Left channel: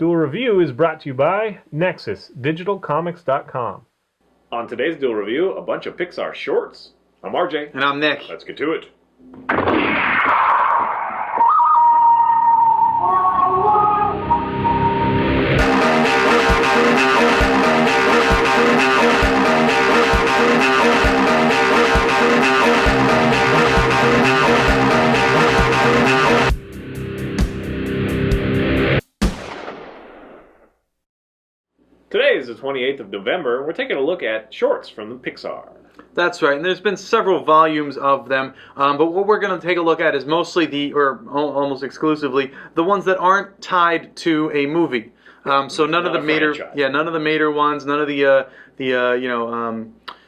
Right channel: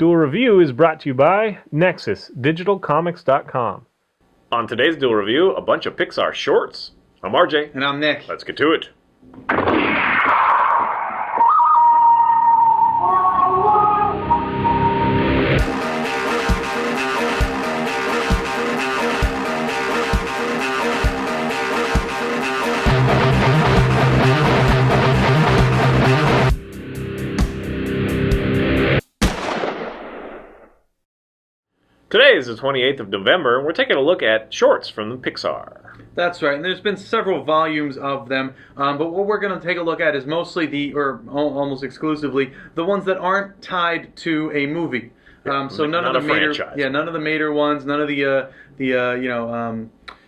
Duel Review is brought to you by NexusDigitalComics.com. On today's Duel Review, a bunch of Pixar shorts. I'm RJ. And I'm Nick. Let's get to it. Today is the 28th of November, and we're taking a look at shorts from Pixar. That's right, and there's been several volumes of them, but what we're going to take a look at is mostly almost exclusively, the ones that aren't tied to a movie. So none of the Mater ones, none of the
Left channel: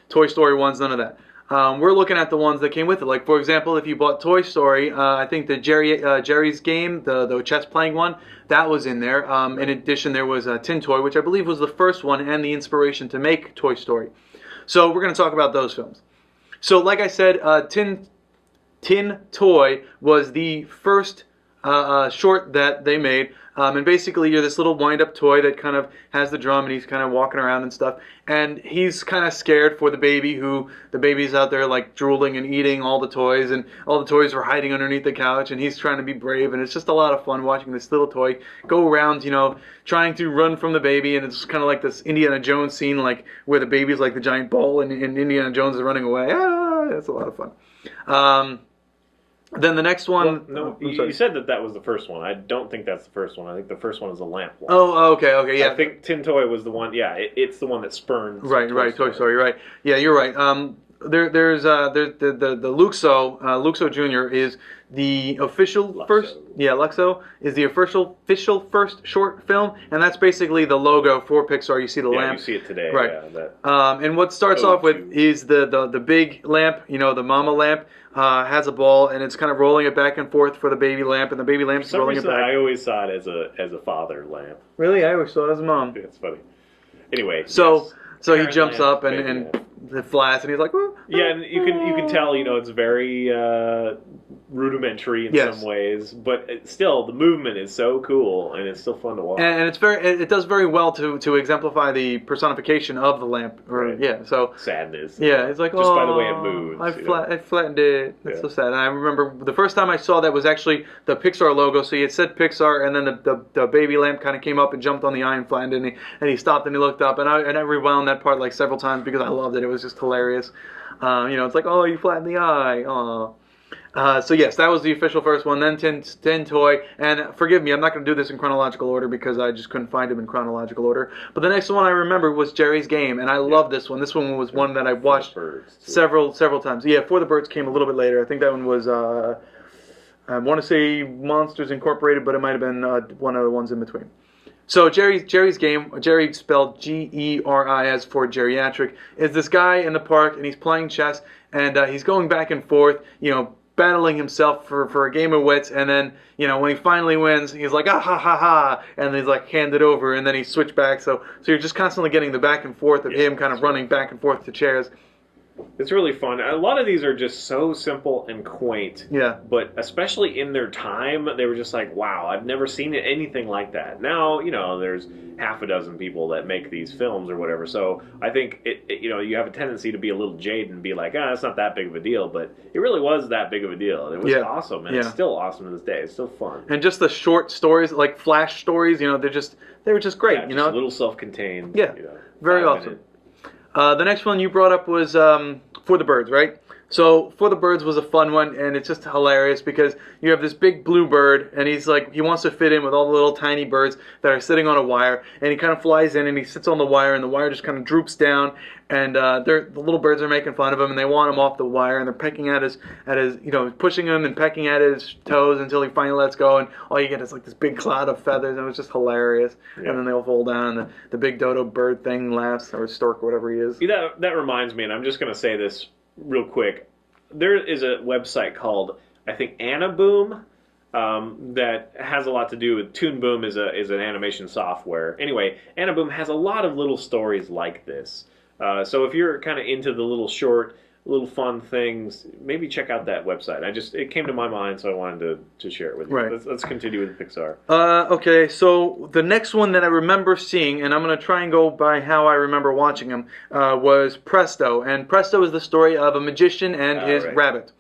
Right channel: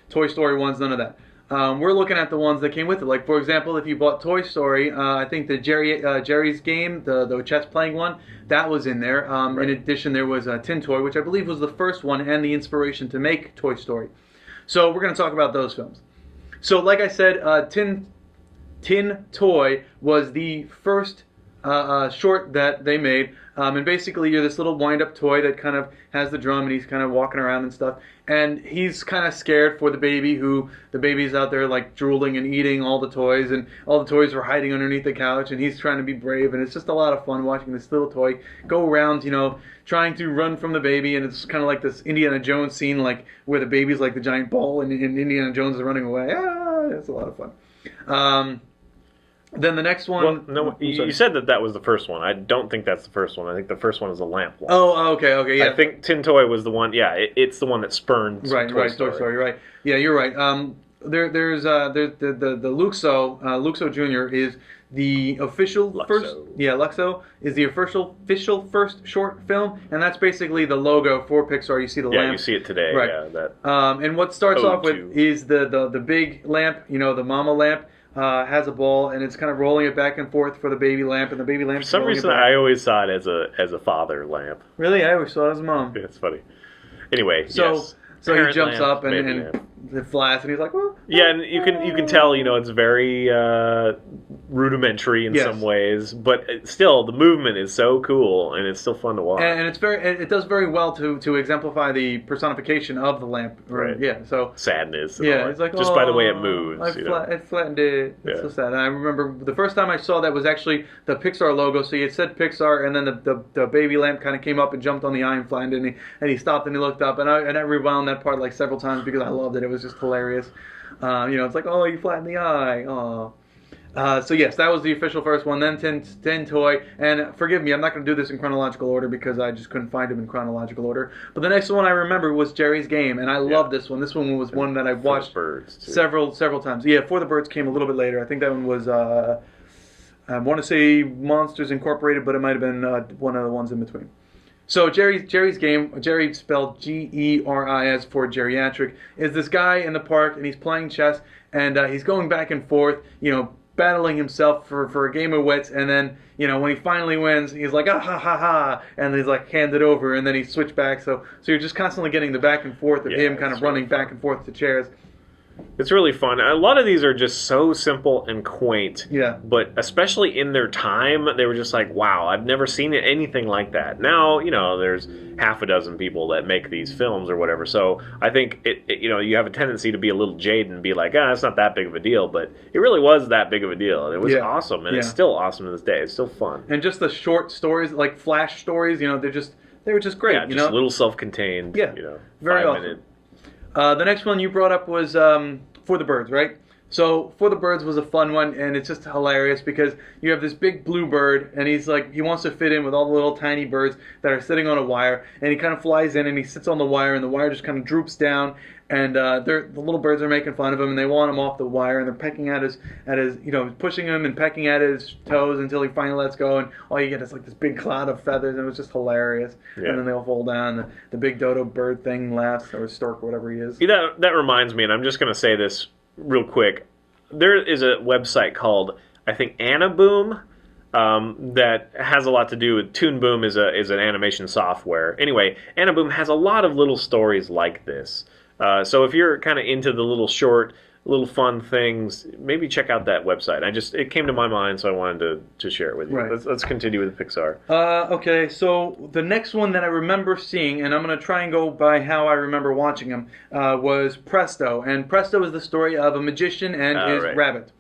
Toy Story ones, none of that. We're looking at the ones that came with it. Like, for example, if you bought Toy Story, I think the Jerry's Game, the chess playing one, that was in there. Right. In addition, there was Tin Toy, which I believe was the first one and the inspiration to make Toy Story. So we're going to talk about those films. So like I said, Tin Toy was the first short that they made. And basically you're this little wind-up toy that kind of has the drum and he's kind of walking around and stuff. And he's kind of scared for the baby, who the baby's out there like drooling and eating all the toys, and all the toys are hiding underneath the couch, and he's trying to be brave. And it's just a lot of fun watching this little toy go around, trying to run from the baby. And it's kind of like this Indiana Jones scene, like where the baby's like the giant ball and Indiana Jones is running away. It's a lot of fun. Then the next one... Well, no, you said that was the first one. I don't think that's the first one. I think the first one is the lamp one. Oh, okay, yeah. I think Tin Toy was the one, it's the one that spurned Toy Story, right. Yeah, you're right. There's the Luxo Jr. is the official first... Yeah, Luxo is the official first short film, and that's basically the logo for Pixar. You see the lamp. Yeah, you see it today. Right. Yeah, and what starts off with is the big lamp, the mama lamp, has a ball, and it's kind of rolling it back and forth for the baby lamp, and the baby lamp. For some reason, I always saw it as a father lamp. Really, I always saw it as a mom. Yeah, it's funny. Anyway, so he jumps lamp, up and it flies, and he's like, "Well." Yeah, and you can tell, it's very rudimentary in some ways, but still the movement is so cool, and it's still fun to watch. And it does very well to exemplify the personification of the lamp. Right. Yeah. So sadness. Yeah, it's like, just by the way it moves. I flattened it. It's so sad. And I remember the first time I saw that was actually the Pixar logo. So it said Pixar, and then the baby lamp kind of came up and jumped on the eye and flattened it, and he stopped and he looked up, and I rewound that part like several times because I loved it. It was just hilarious. It's like, oh, you flattened the eye. Aw. So yes, that was the official first one. Then Tin Toy, and forgive me, I'm not going to do this in chronological order because I just couldn't find them in chronological order. But the next one I remember was Jerry's Game, and I love this one. This one was one that I watched several times. Yeah, For the Birds came a little bit later. I think that one was I want to say Monsters Incorporated, but it might have been one of the ones in between. So Jerry's Game, Jerry spelled Geris for geriatric, is this guy in the park, and he's playing chess, and he's going back and forth, battling himself for a game of wits, and then, when he finally wins, he's like, ah, ha, ha, ha, and he's like, hand it over, and then he switched back, so you're just constantly getting the back and forth of him kind of running back and forth to chairs. It's really fun. A lot of these are just so simple and quaint. Yeah. But especially in their time, they were just like, wow, I've never seen anything like that. Now, there's half a dozen people that make these films or whatever. So I think, you have a tendency to be a little jaded and be like, it's not that big of a deal. But it really was that big of a deal. And it was awesome. And it's still awesome to this day. It's still fun. And just the short stories, like flash stories, they were just great. Yeah, just little self-contained, very awesome. The next one you brought up was For the Birds, right? So For the Birds was a fun one, and it's just hilarious because you have this big blue bird, and he wants to fit in with all the little tiny birds that are sitting on a wire, and he kind of flies in and he sits on the wire, and the wire just kind of droops down, and the little birds are making fun of him, and they want him off the wire, and they're pecking at his pushing him and pecking at his toes until he finally lets go, and all you get is like this big cloud of feathers, and it was just hilarious. Yeah. And then they all fall down, and the big dodo bird thing laughs, or stork, or whatever he is. Yeah, that reminds me, and I'm just going to say this real quick. There is a website called, I think, Anaboom, that has a lot to do with... Toon Boom is an animation software. Anyway, Anaboom has a lot of little stories like this. So if you're kind of into the little short little fun things, maybe check out that website. It came to my mind, so I wanted to share it with you. Right. Let's continue with Pixar. Okay, so the next one that I remember seeing, and I'm going to try and go by how I remember watching them, was Presto. And Presto is the story of a magician and his right. rabbit.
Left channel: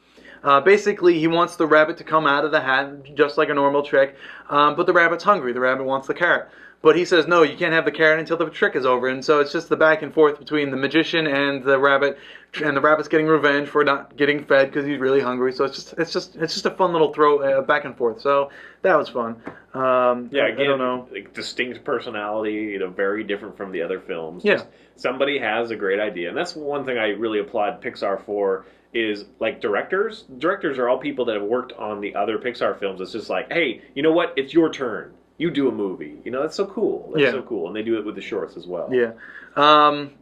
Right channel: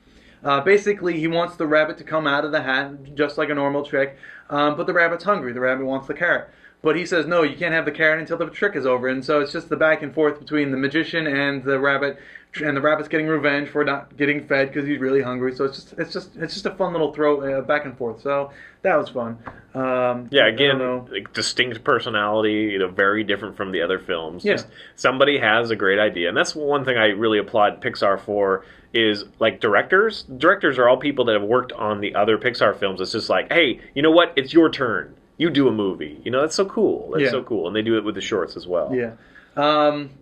Basically, he wants the rabbit to come out of the hat, just like a normal trick, but the rabbit's hungry. The rabbit wants the carrot. But he says, no, you can't have the carrot until the trick is over. And so it's just the back and forth between the magician and the rabbit's getting revenge for not getting fed because he's really hungry. So it's just a fun little throw back and forth. So that was fun. Yeah, again, like distinct personality, very different from the other films. Yeah. Just somebody has a great idea, and that's one thing I really applaud Pixar for. Is like directors. Directors are all people that have worked on the other Pixar films. It's just like, hey, you know what? It's your turn. You do a movie. That's so cool. That's so cool. And they do it with the shorts as well. Yeah.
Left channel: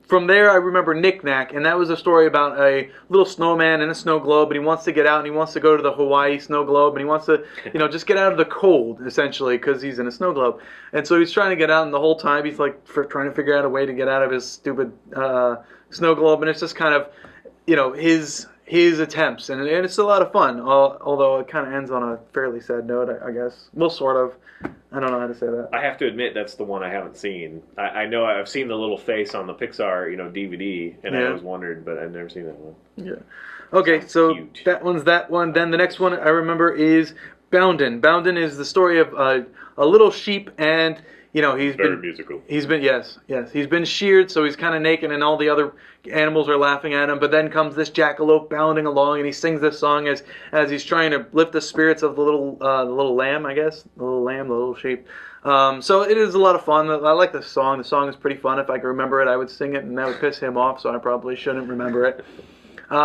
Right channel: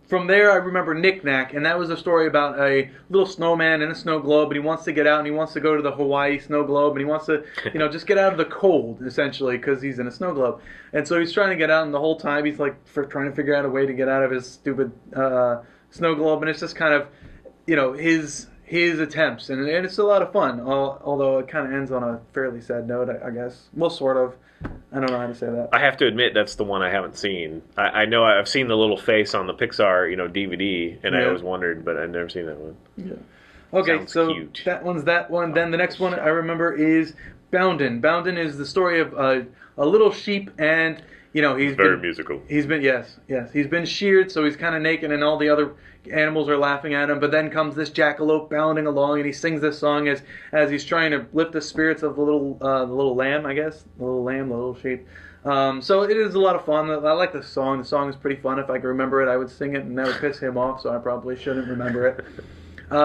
From there, I remember Knick Knack, and that was a story about a little snowman in a snow globe, and he wants to get out, and he wants to go to the Hawaii snow globe, and he wants to, just get out of the cold, essentially, because he's in a snow globe. And so he's trying to get out, and the whole time he's like trying to figure out a way to get out of his stupid snow globe, and it's just kind of, his attempts, and it's a lot of fun, although it kind of ends on a fairly sad note, I guess. Well, sort of. I don't know how to say that. I have to admit, that's the one I haven't seen. I know I've seen the little face on the Pixar, DVD, and I always wondered, but I've never seen that one. Yeah. Okay, Sounds so cute. that one's that one. Then the next one I remember is Bounden. Bounden is the story of a little sheep, and he's very musical. He's been yes. He's been sheared, so he's kind of naked, and all the other animals are laughing at him. But then comes this jackalope bounding along, and he sings this song as he's trying to lift the spirits of the little lamb, I guess, the little sheep. So it is a lot of fun. I like the song. The song is pretty fun. If I could remember it, I would sing it, and that would piss him off. So I probably shouldn't remember it.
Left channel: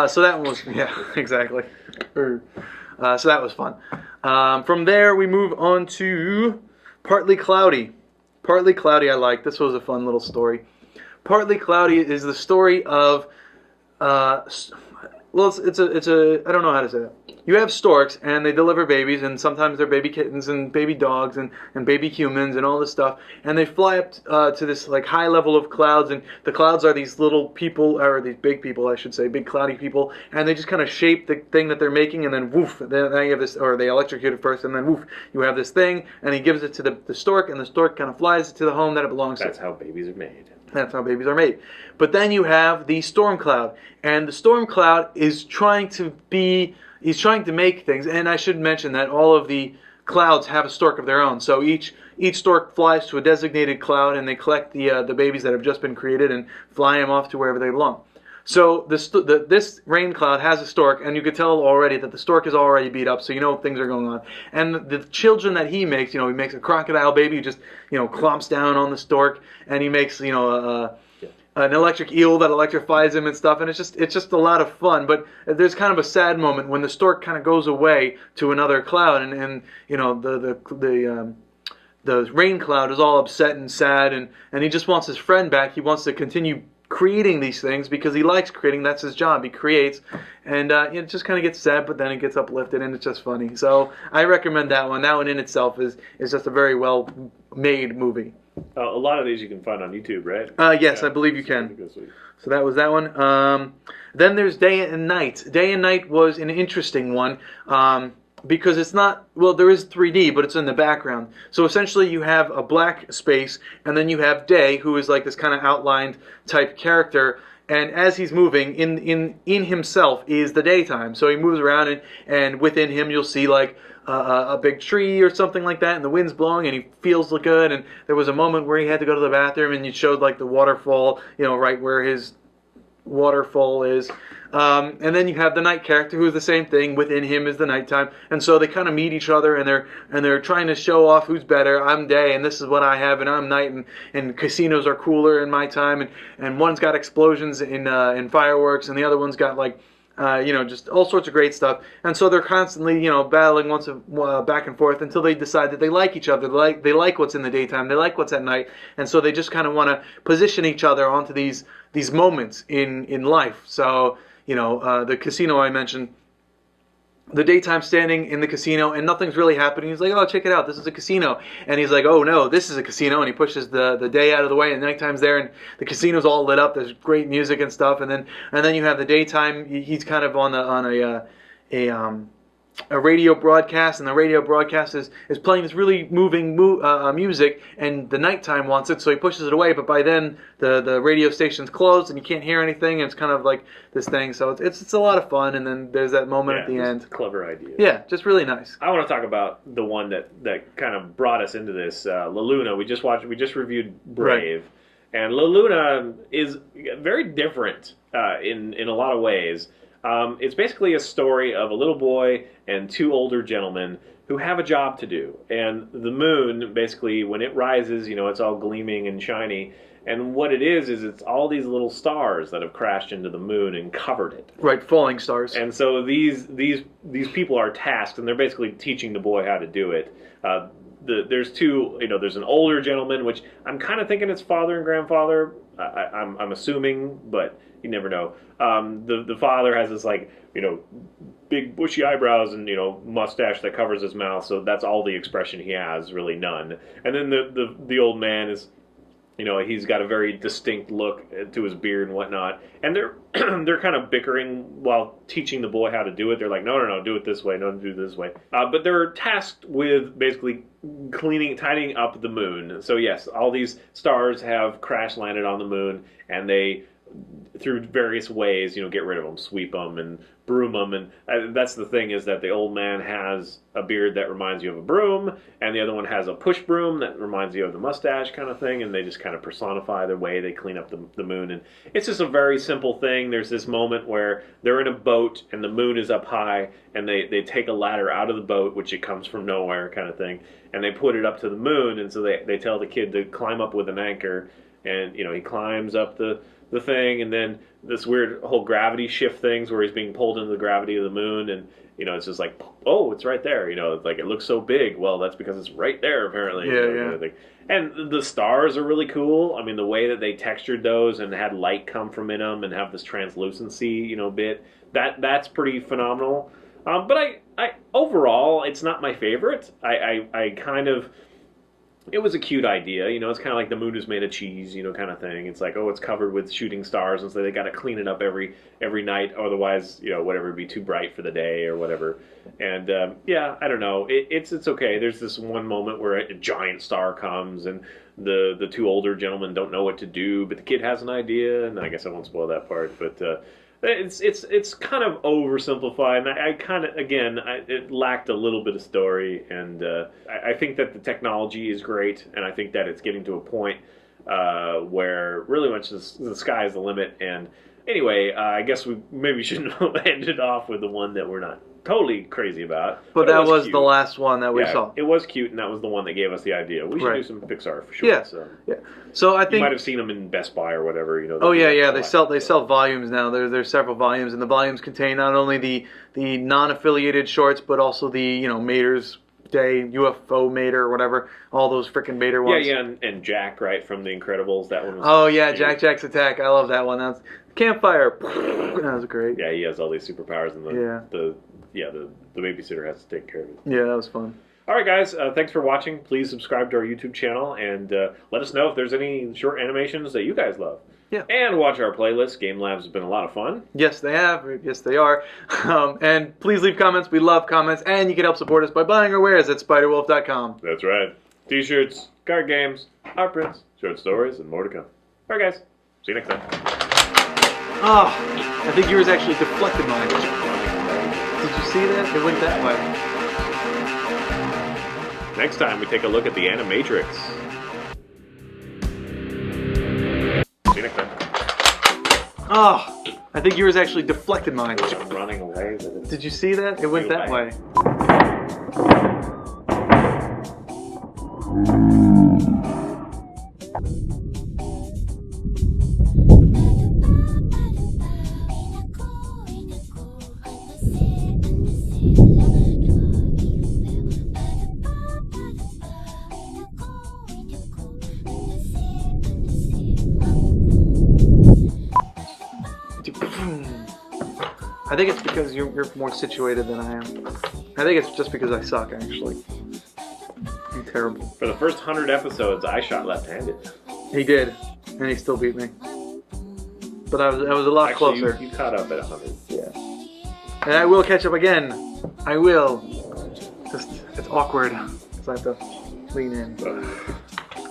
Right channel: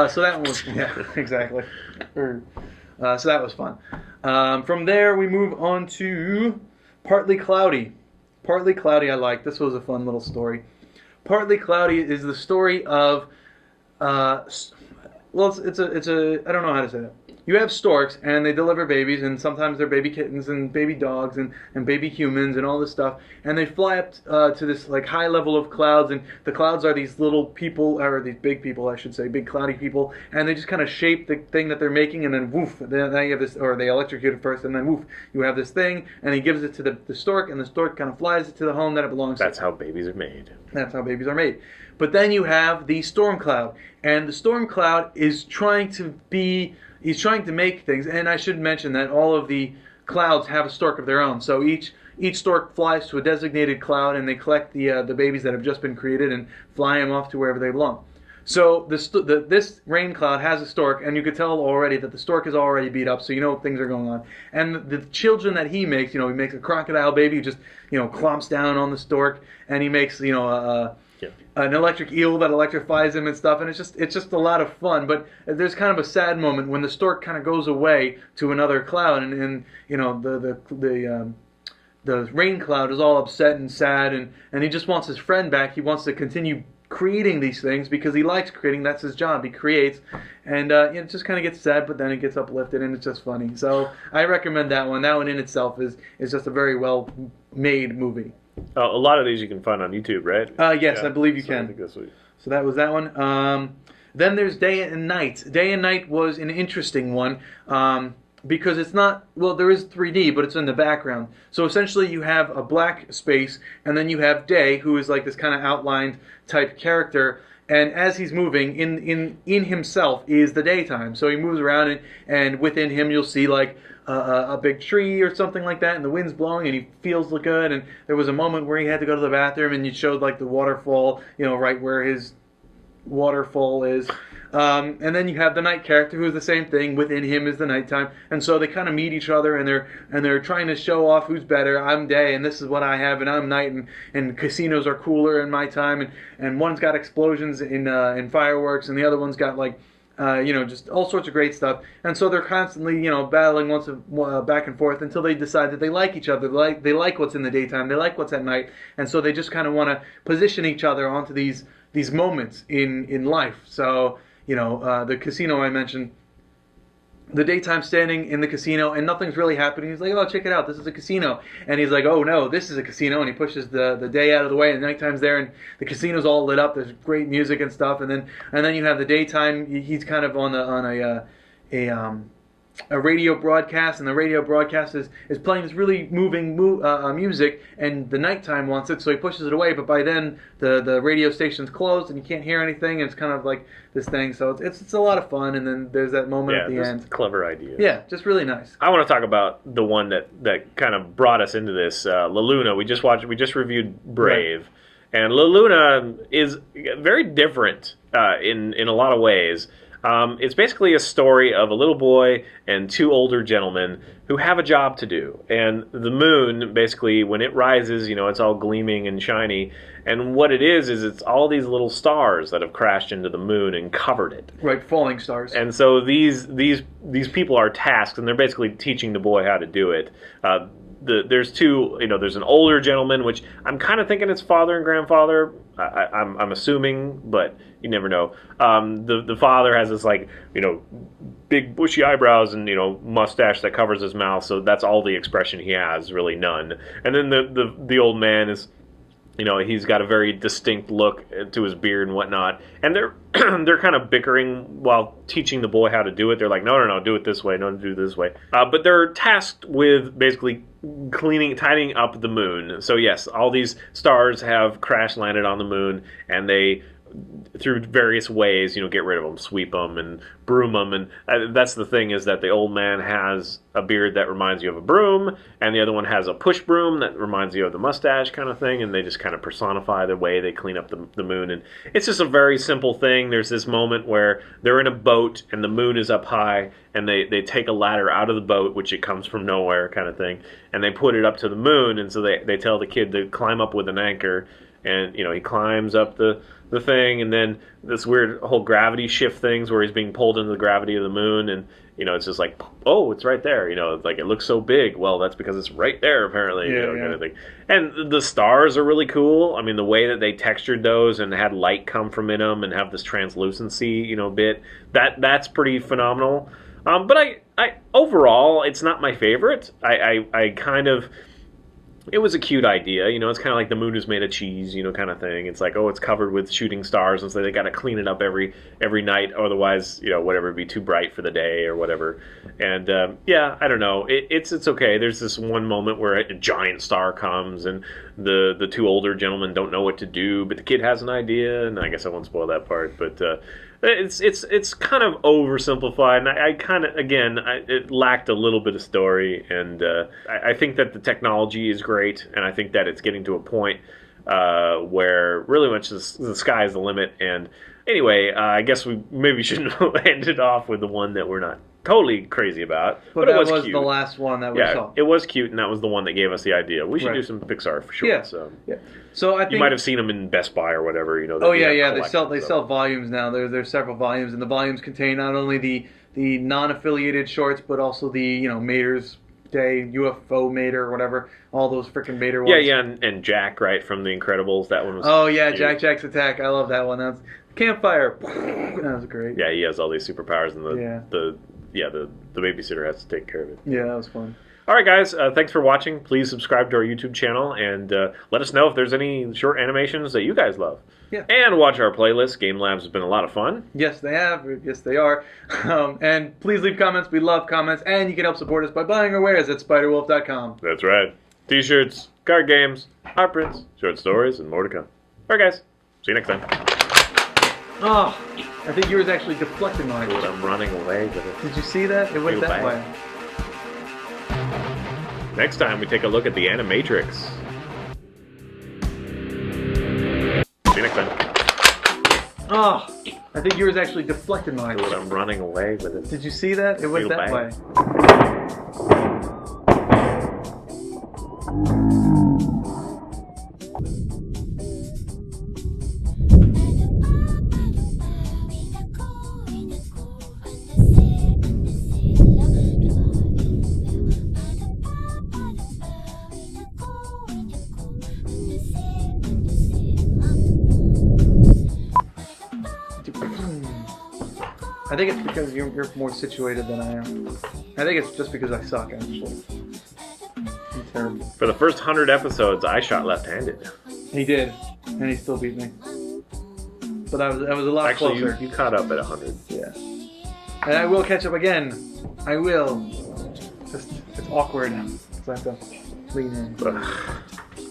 So that one was exactly. So that was fun. From there, we move on to Partly Cloudy. Partly Cloudy I like. This was a fun little story. Partly Cloudy is the story of, it's a I don't know how to say it. You have storks, and they deliver babies, and sometimes they're baby kittens and baby dogs and baby humans and all this stuff, and they fly up to this like high level of clouds, and the clouds are these little people, or these big people, I should say, big cloudy people, and they just kind of shape the thing that they're making, and then woof, then you have this, or they electrocute it first, and then woof, you have this thing, and he gives it to the stork, and the stork kind of flies to the home that it belongs to. That's how babies are made. That's how babies are made. But then you have the storm cloud, and the storm cloud is trying to make things, and I should mention that all of the clouds have a stork of their own. So each stork flies to a designated cloud, and they collect the babies that have just been created and fly them off to wherever they belong. So this rain cloud has a stork, and you can tell already that the stork is already beat up, so things are going on. And the children that he makes, he makes a crocodile baby who just, clomps down on the stork, and he makes, an electric eel that electrifies him and stuff, and it's just a lot of fun. But there's kind of a sad moment when the stork kind of goes away to another cloud, and the rain cloud is all upset and sad, and he just wants his friend back. He wants to continue creating these things because he likes creating. That's his job. He creates, and it just kind of gets sad, but then it gets uplifted, and it's just funny. So I recommend that one. That one in itself is just a very well made movie. A lot of these you can find on YouTube, right? Yes, yeah, I believe you can. I think that's sweet. So that was that one. Then there's Day and Night. Day and Night was an interesting one because it's not, there is 3D, but it's in the background. So essentially you have a black space, and then you have Day, who is like this kind of outlined type character. And as he's moving, in himself is the daytime. So he moves around, and within him you'll see like a big tree or something like that, and the wind's blowing, and he feels good. And there was a moment where he had to go to the bathroom, and you showed like the waterfall, right where his waterfall is. And then you have the night character, who's the same thing. Within him is the nighttime, and so they kind of meet each other, and they're trying to show off who's better. I'm day, and this is what I have, and I'm night, and casinos are cooler in my time, and one's got explosions in fireworks, and the other one's got like just all sorts of great stuff. And so they're constantly battling back and forth until they decide that they like each other. They like what's in the daytime. They like what's at night, and so they just kind of want to position each other onto these moments in life. So the casino I mentioned, the daytime standing in the casino and nothing's really happening. He's like, oh, check it out, this is a casino. And he's like, oh no, this is a casino. And he pushes the day out of the way, and nighttime's there, and the casino's all lit up. There's great music and stuff. And then you have the daytime. He's kind of on a radio broadcast, and the radio broadcast is playing this really moving music, and the nighttime wants it, so he pushes it away, but by then the radio station's closed and you can't hear anything, and it's kind of like this thing, so it's a lot of fun, and then there's that moment at the end. A clever idea. Yeah, just really nice. I want to talk about the one that kind of brought us into this, Laluna. We just reviewed Brave, right. And Laluna is very different in a lot of ways. It's basically a story of a little boy and two older gentlemen who have a job to do. And the moon, basically, when it rises, it's all gleaming and shiny. And what it is it's all these little stars that have crashed into the moon and covered it. Right, falling stars. And so these people are tasked, and they're basically teaching the boy how to do it. There's two, there's an older gentleman, which I'm kind of thinking it's father and grandfather. I'm assuming, but you never know. The father has this big bushy eyebrows and mustache that covers his mouth, so that's all the expression he has, really none. And then the old man is, he's got a very distinct look to his beard and whatnot. And they're they're kind of bickering while teaching the boy how to do it. They're like, no, do it this way, no, do it this way. But they're tasked with basically tidying up the moon. So yes, all these stars have crash landed on the moon, and they, through various ways, get rid of them, sweep them and broom them. And that's the thing, is that the old man has a beard that reminds you of a broom, and the other one has a push broom that reminds you of the mustache kind of thing, and they just kind of personify the way they clean up the moon. And it's just a very simple thing. There's this moment where they're in a boat and the moon is up high, and they take a ladder out of the boat, which it comes from nowhere kind of thing, and they put it up to the moon, and so they tell the kid to climb up with an anchor, and he climbs up the thing, and then this weird whole gravity shift things where he's being pulled into the gravity of the moon, and it's just like, oh, it's right there, like it looks so big. Well, that's because it's right there, apparently. Kind of thing. And the stars are really cool. I mean, the way that they textured those and had light come from in them and have this translucency, bit, that's pretty phenomenal. But I overall, it's not my favorite. I kind of, it was a cute idea, it's kind of like the moon is made of cheese, kind of thing. It's like, oh, it's covered with shooting stars, and so they got to clean it up every night, otherwise, whatever, it'd be too bright for the day or whatever. And I don't know, it's okay. There's this one moment where a giant star comes, and the two older gentlemen don't know what to do, but the kid has an idea, and I guess I won't spoil that part, but it's kind of oversimplified, and I kind of, again, it lacked a little bit of story, and I think that the technology is great, and I think that it's getting to a point where really much the sky is the limit. And anyway, I guess we maybe shouldn't have ended off with the one that we're not totally crazy about. But that was cute. The last one that we saw. It was cute, and that was the one that gave us the idea. We should do some Pixar for sure. Yeah. So I think you might have seen them in Best Buy or whatever. They sell volumes now. There's several volumes, and the volumes contain not only the non-affiliated shorts, but also the Mater's Day, UFO Mater, or whatever. All those freaking Mater ones. Yeah, and Jack, right, from The Incredibles. That one was. Oh yeah, cute. Jack's Attack. I love that one. That was Campfire. That was great. Yeah, he has all these superpowers, and the babysitter has to take care of it. Yeah, that was fun. All right, guys, thanks for watching. Please subscribe to our YouTube channel, and let us know if there's any short animations that you guys love. Yeah. And watch our playlist. Game Labs has been a lot of fun. Yes, they have. Yes, they are. And please leave comments. We love comments. And you can help support us by buying our wares at spiderwolf.com. That's right. T-shirts, card games, art prints, short stories, and more to come. All right, guys. See you next time. Oh, I think yours actually deflected mine. I'm running away. Did you see that? It went that way. Next time, we take a look at the Animatrix. See you next time. Oh, I think yours actually deflected mine. I'm running away with it. Did you see that? It went that way. I think it's because you you're more situated than I am. I think it's just because I suck, actually. I'm terrible. For the first 100 episodes, I shot left-handed. He did, and he still beat me. But I was a lot Actually, closer. you caught up at 100. Yeah. And I will catch up again. I will. Just, it's awkward. Because I have to lean in.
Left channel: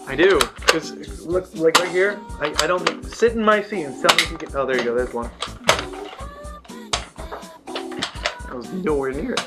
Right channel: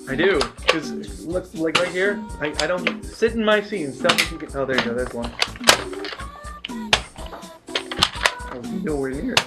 I do. Because look, like right here, I don't sit in my seat and tell me if you can. Oh, there you go. There's one. I was nowhere near it.